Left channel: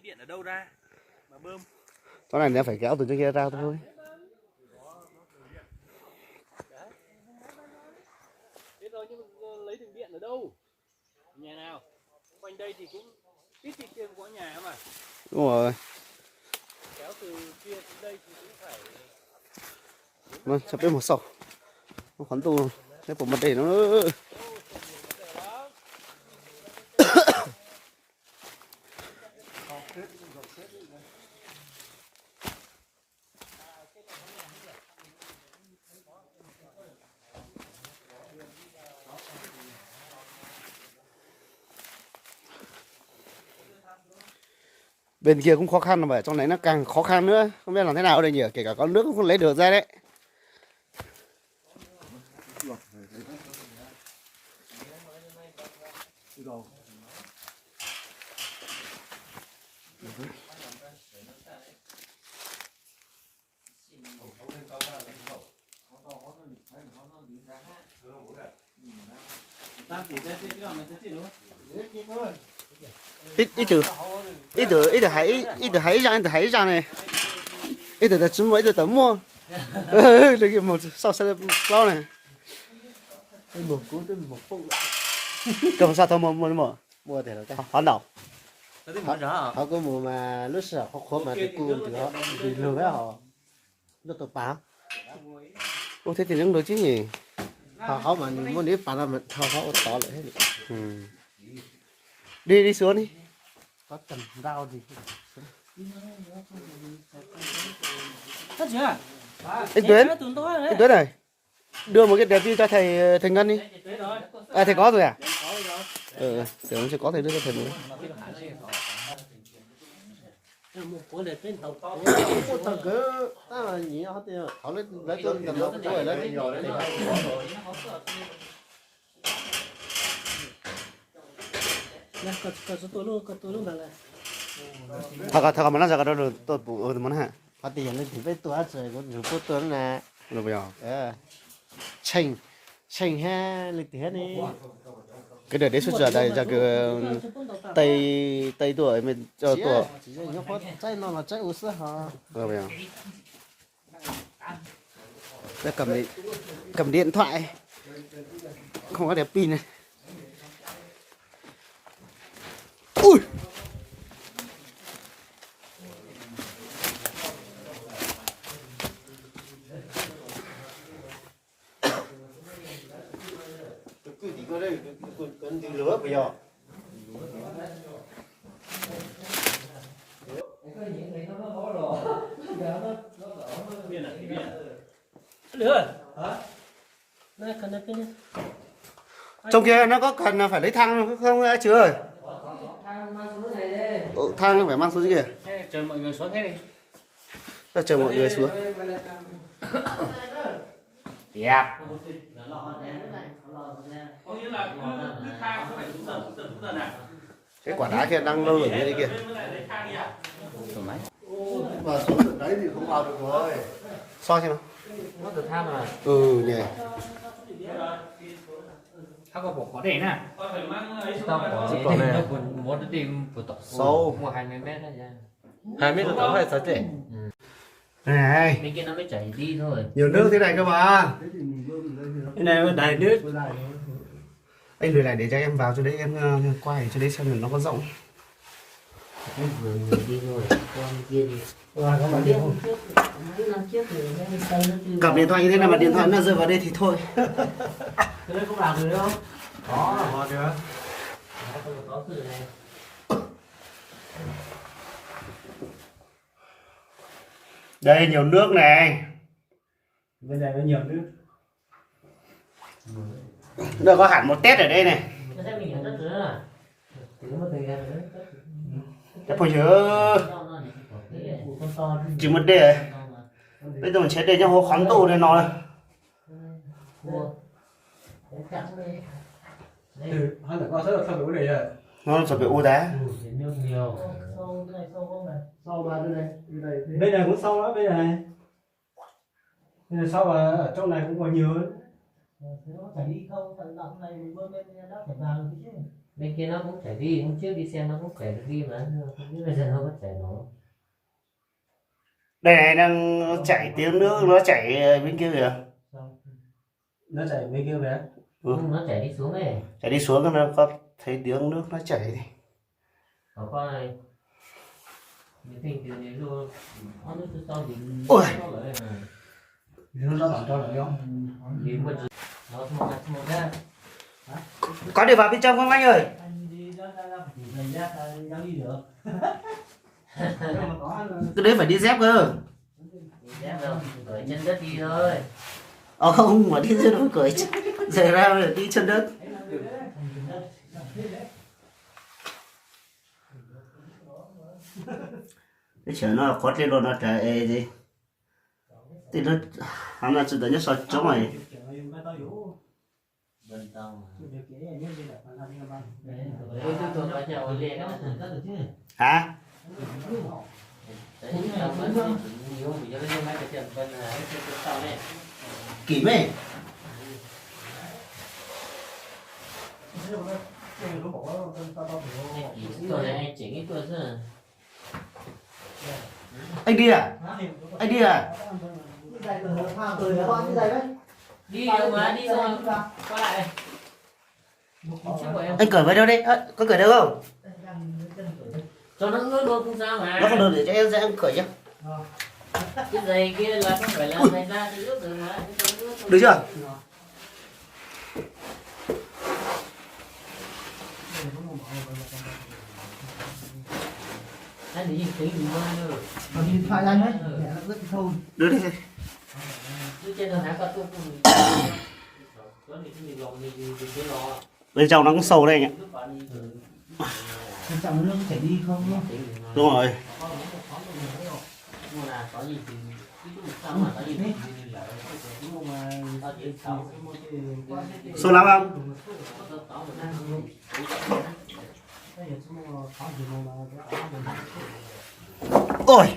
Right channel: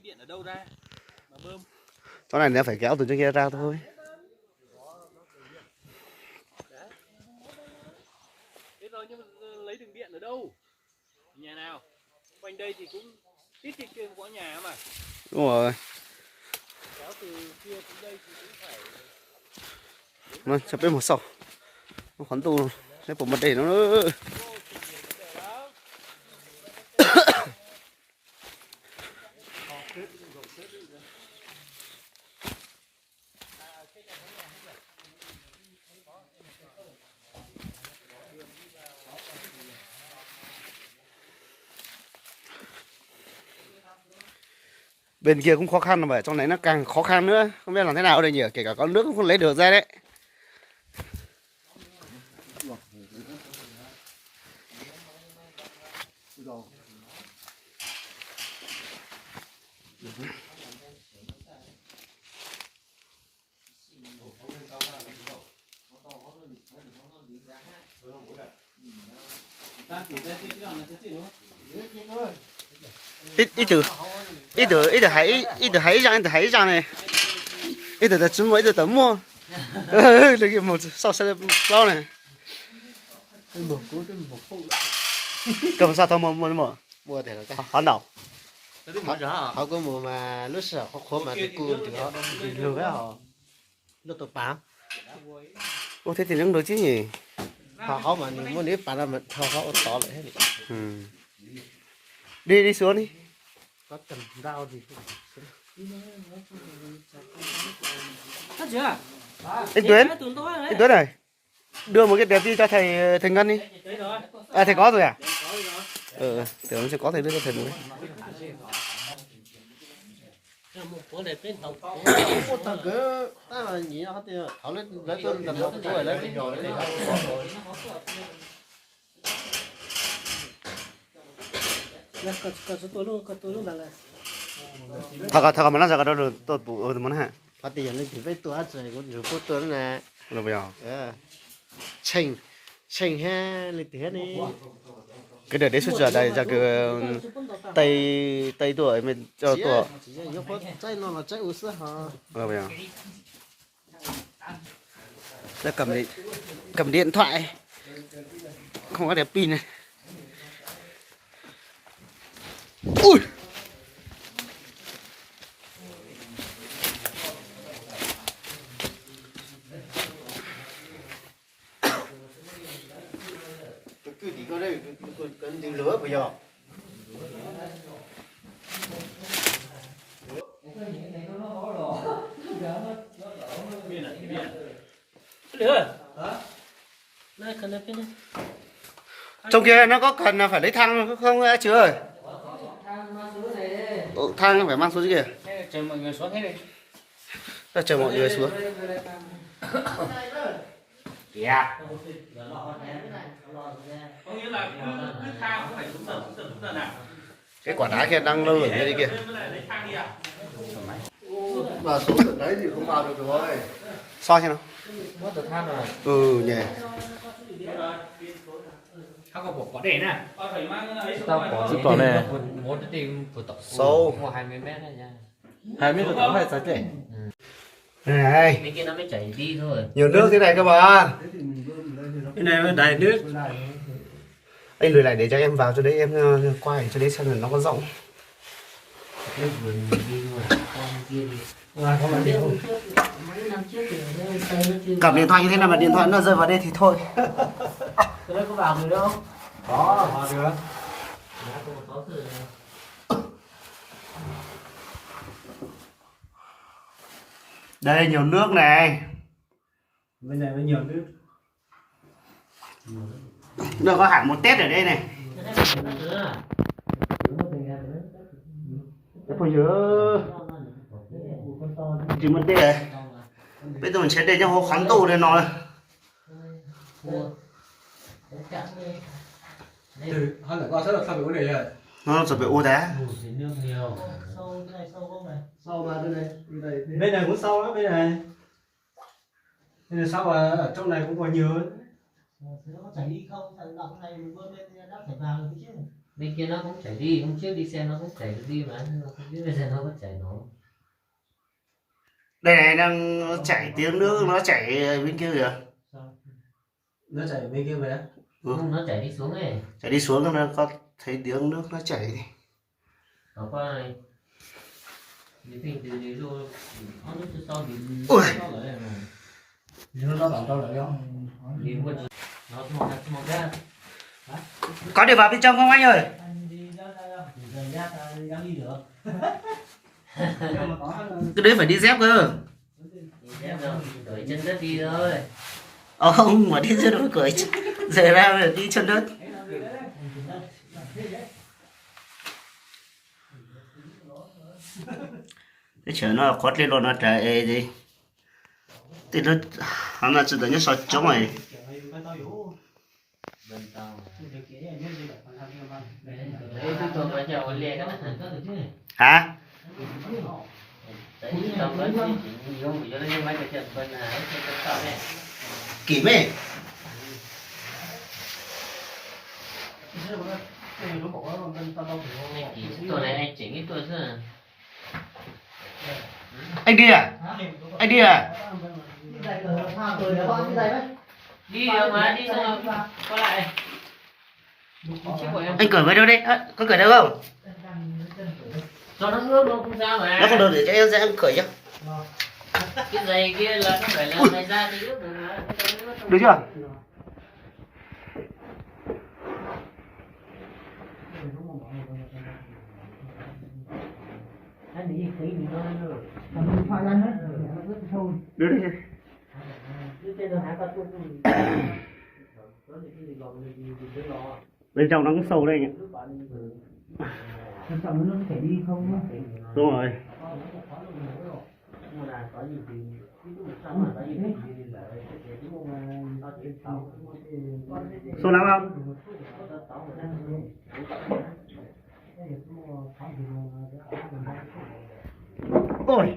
lấy điện ở đâu ra mà bơm? Chỗ này nó phải kéo từ trên kia ra thôi. Biết rồi, nhưng mà lấy đường điện ở đâu? Nhà nào? Quanh đây thì cũng ít thì kia có nhà mà. Đúng rồi. Kéo từ kia đến đây thì cũng phải. Nó chụp bên một sổ. Nó khoắn tu cái bộ mặt để nó nữa. Bên kia cũng khó khăn mà trong này nó càng khó khăn nữa, không biết làm thế nào đây nhỉ, kể cả có nước cũng không lấy được ra đấy. ít từ hãy ra này, ít từ chấm mỗi từ tấm mua, được một sau xe bao này, cầm sao thôi mua thì là họ đảo, họ có mùa mà lúc sợ họ khó mà cái cuồng thì họ đi lừa họ nó tụt bám. Ô thế thì cũng được chứ nhỉ. Họ mà muốn đi phá ra mình họ tỏ lại hết. Đi xuống đi. Có cần đau gì anh Tuyến này đưa một cái đẹp đi cho thầy Ngân đi. À thầy có rồi à? Tưởng sẽ có thầy đưa cho thầy rồi. thằng cứ ta là nhỉ họ thì họ lấy tôi tầm nó tuổi lấy nhỏ đấy. Thằng mà nó ra cái đó tôi bù món hả? Họ thì giờ lên thì với tôi rồi có nhiều tôi tuấn nè. Rồi bây giờ. Chanh ha lên thì hết đi. Cái đợt đấy xuất ra đây ra cái tây tuổi mình cho tuổi. Trái nó là trái u sữa hả? Rồi bây giờ. Ra cầm điện thoại. Không có đèn pin này. Ui. Cứ đi qua đây cần tìm lửa bây giờ. Trong kia nó có cần là phải lấy thang không chứ ơi? Thang phải mang xuống dưới kia. Chờ mọi người xuống hết đi. Chờ mọi người xuống. Yeah. Có nghĩa là cứ thang cũng phải đúng giờ nào. Cái quả đá kia đang lơ lửng như thế kia. Mà xuống tận đấy thì không vào được rồi. Soi cho nó. Nó được thang rồi. Ừ nhỉ. Không có bỏ để nè. Tao bỏ này. Muốn tìm vừa tỏ Sâu. 20 mét này nha. 20 mét là phải trẻ. Này. Bên kia nó mới chảy đi thôi. Nhiều nước thế này cơ mà. Cái này là đầy nước. Anh lùi lại để cho em vào cho đấy em quay cho đấy xem là nó có rộng. Cầm điện thoại như thế nào mà điện thoại nó rơi vào đây thì thôi. Cái đấy có làm được đâu? Có, họ được. Đây nhiều nước này. Bên này mới nhiều nước. Được có hẳn một tét ở đây này. Cái phôi chứa chứ mất đây rồi. Bây giờ mình sẽ để cho hồ khắn tù đây nó. Hai mẹ con sẽ được sao bị uống này rồi. Nó sẽ bị ô đá. Nước nhiều. Sau mà bên này, Bên này cũng sâu đó, bên này. Bên này sâu và ở trong này cũng còn nhiều hơn. nó chảy đi không, thằng động này mình bơm lên nó phải vào được chứ. Bên kia nó cũng chảy đi, hôm trước đi xem nó cũng chảy đi mà không biết bây giờ nó có chảy nổi. Đây này đang chảy tiếng nước, nó chảy bên kia kìa. Nó chảy bên kia về. Nó chảy đi xuống ấy. Chảy đi xuống nó có thấy tiếng nước nó chảy đi. Ở qua này. Ôi. Nó bảo cho lại không? Có để vào bên trong không anh ơi? Cái đấy phải đi dép cơ. Cởi chân đất đi thôi. Không, mà đi dưới nó cởi. Giờ ra đi chân đất. Cái chở nó quát lên luôn nó chạy gì. Thì nó hắn là chỉ là nhất sao chống này. Hả? Kỹ mê. Anh đi à? Anh đi à? Đi đâu mà đi xong rồi qua lại. Anh cởi vào đâu đấy? Có cởi đâu không? Cho nó ướt luôn không sao mà. Nó không được để cho em ra em cởi cho. Cái giày kia là không phải là giày da thì ướt rồi mà. Được chưa? Anh đi tí mình mơ rồi. Còn phải lên đấy, để nó ướt thôi. Được rồi. Trên đường hả có tôi Bên trong nó cũng sâu đây anh ạ. Quan trọng nó có thể đi không? Đúng rồi. Sâu lắm không? Ôi.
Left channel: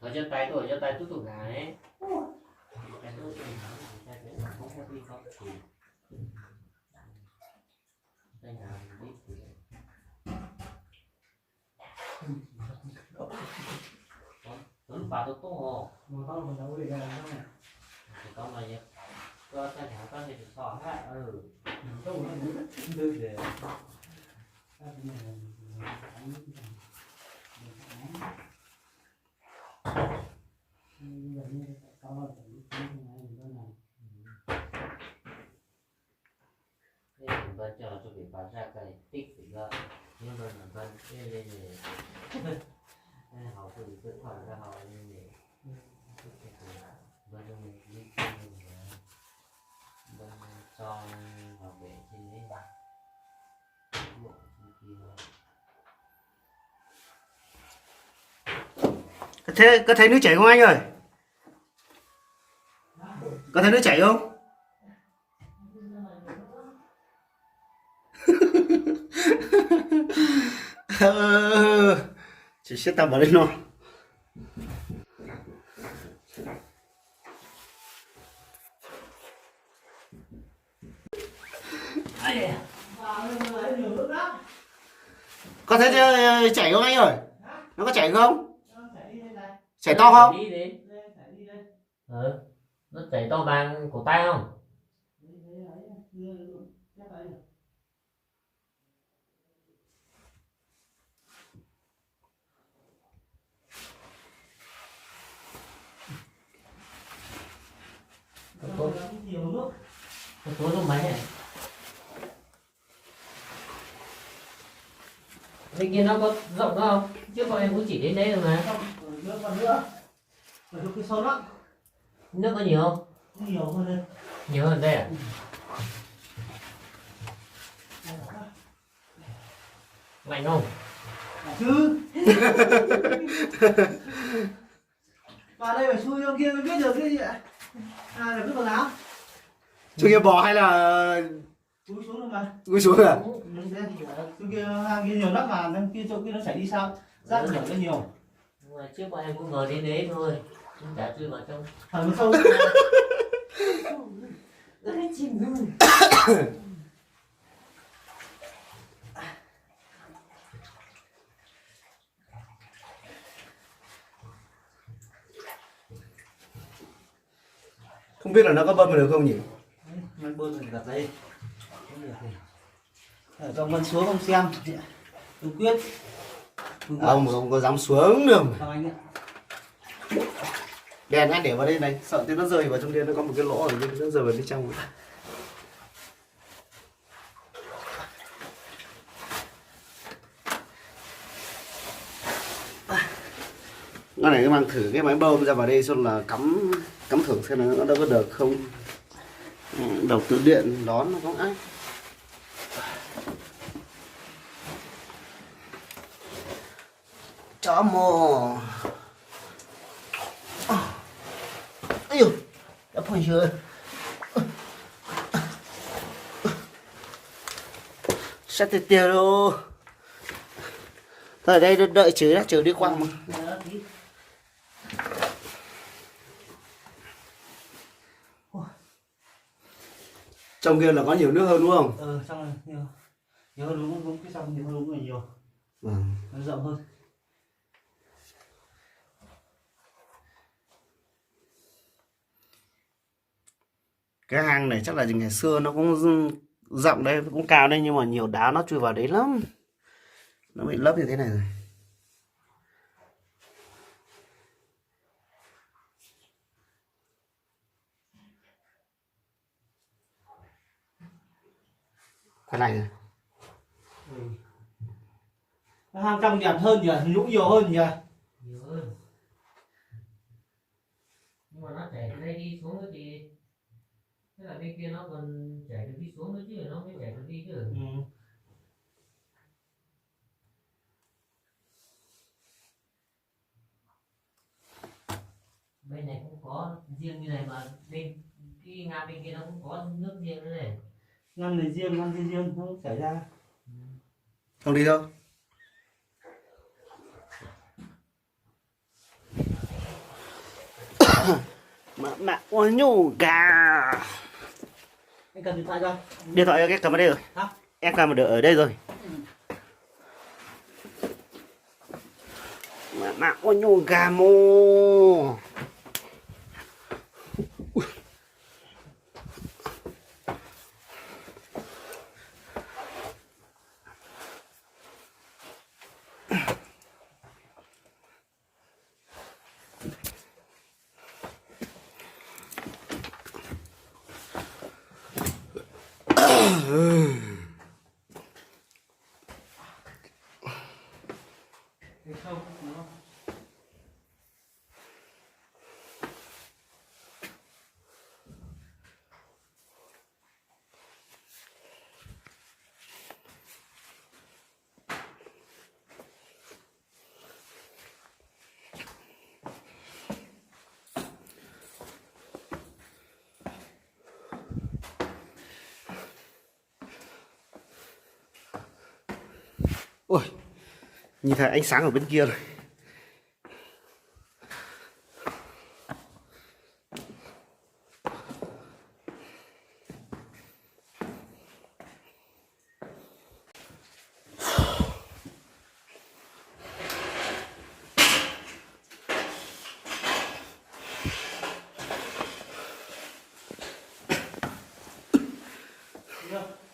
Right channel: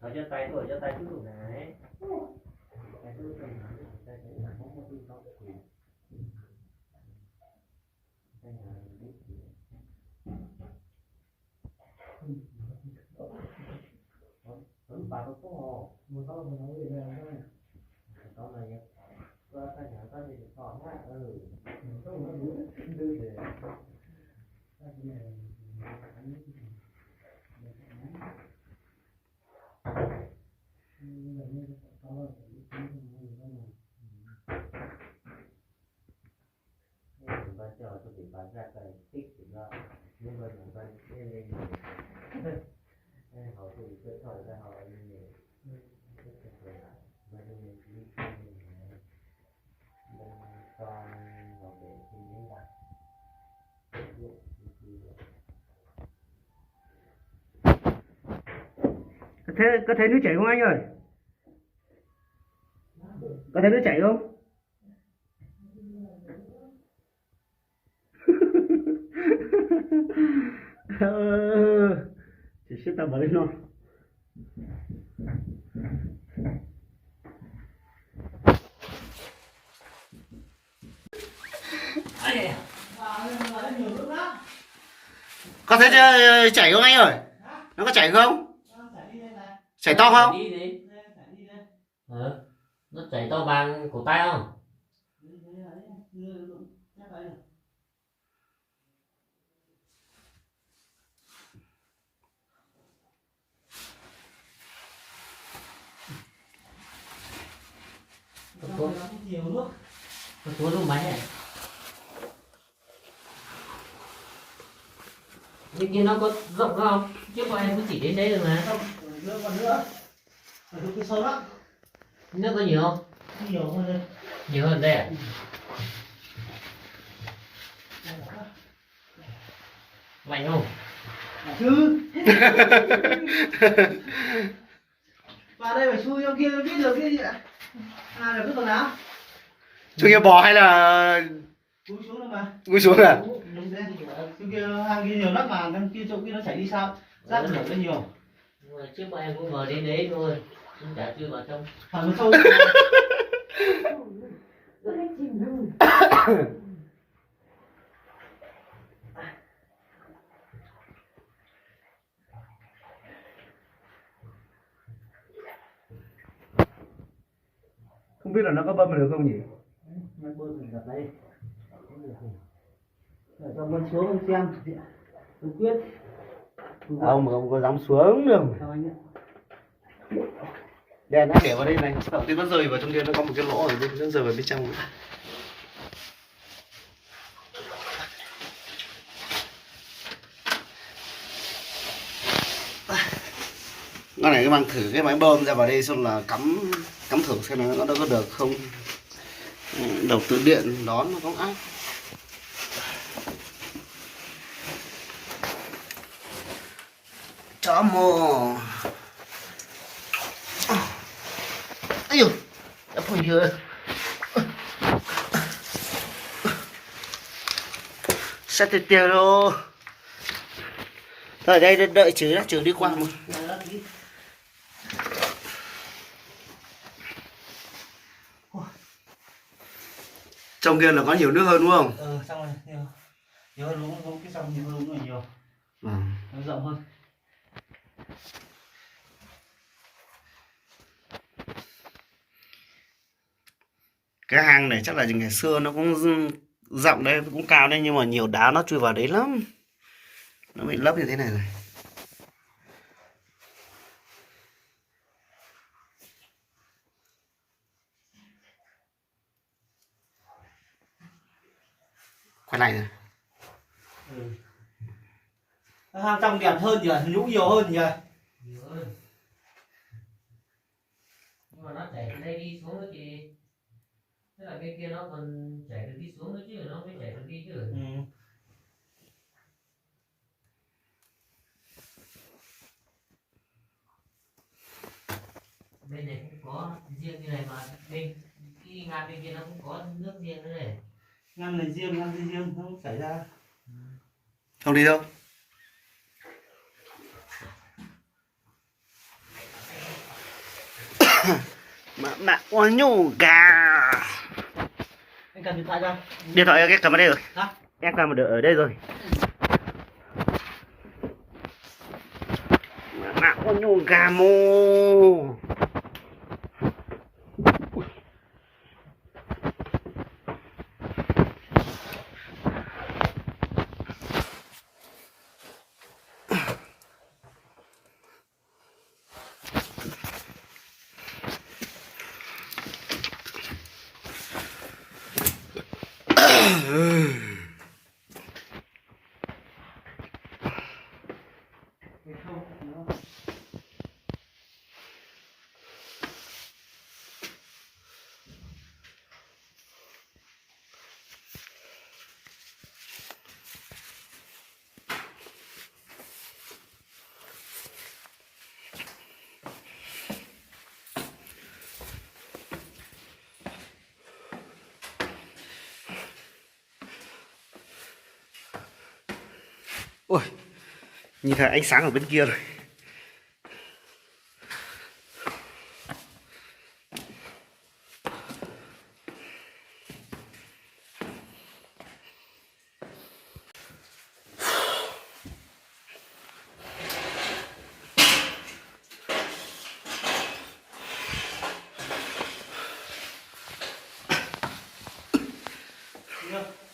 Ở trên tay tôi tụt gà đấy. Bà tôi tốt Một con còn đâu để làm đâu này. con này nhá. Có cái thằng con này được sò hết. Đâu nó muốn đưa để. Bên cho bị bán ra cái tích thì là nhưng mà bên lên rồi. Họ tự cứ thổi ra họ như này. Bên mình đi bên cho họ để trên đấy bạn. Có thấy nước chảy không anh ơi? Có thấy nước chảy không? Chỉ sẽ tao vào đây thôi. Có thấy chảy không anh ơi? Nó có chảy không? Chảy to không? Nó chảy to bằng cổ tay không? Có lúc mấy này. Bên kia nó có rộng không? Chứ bọn em cũng chỉ đến đấy rồi mà. Nước còn nữa. Phải được cái sâu lắm. Nước có nhiều không? Nhiều hơn đây. Nhiều hơn đây à? Lạnh không? Chứ. Vào đây phải xui ông kia biết được cái gì ạ? À là cứ quần áo. Chú kia bò hay là Cúi xuống luôn mà. cúi xuống à? Chỗ kia hang kia nhiều lắm mà, trong kia chỗ kia nó chảy đi sao? Rác rưởi nó nhiều. Nhưng mà trước bọn em cũng ngồi đến đấy thôi. Nhưng chả chui vào trong. Phải một sâu. Không biết là nó có bơm được không nhỉ? Máy bơm thì đặt đây. Ở trong bên xuống không xem. Tôi quyết. Ông không có dám xuống được. Sao anh ạ? Đèn đã để vào đây này, sợ tí nó rơi vào trong kia, nó có một cái lỗ ở bên, nó rơi vào bên trong. Cái này cái mang thử cái máy bơm ra vào đây xong là cắm thử xem nó có được không. Đầu tư điện đón nó có ác. Chó mồ. Ây dồi, đã phun chưa? Sao tiền tiền đâu? Thôi ở đây đợi chứ đã, chứ đi qua mà. Trong kia là có nhiều nước hơn đúng không? Xong rồi, nhiều hơn đúng không? Cái xong nhiều hơn đúng là nhiều. Nó rộng hơn. Cái hang này chắc là ngày xưa nó cũng rộng đây, cũng cao đây, nhưng mà nhiều đá nó chui vào đấy lắm. Nó bị lấp như thế này rồi. Cái này rồi. Hang trong đẹp hơn nhỉ, nhũ nhiều hơn nhỉ. Nhiều hơn. Nhưng mà nó chảy từ đây đi xuống nữa chị. Thế là bên kia nó còn chảy được đi xuống nữa chứ, nó mới chảy được đi chứ. Bên này cũng có riêng như này mà bên cái ngang bên kia nó cũng có nước riêng nữa này. Ngăn này riêng, ngăn này riêng, nó chảy ra. Không đi đâu. Mà ôi nhủ gà. Anh cầm điện thoại ra. Điện thoại em cầm ở đây rồi. Hả? Em cầm ở đây rồi. Mà ôi nhủ gà mô. Ôi, nhìn thấy ánh sáng ở bên kia rồi.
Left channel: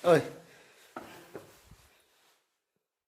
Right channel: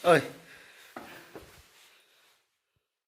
Ơi,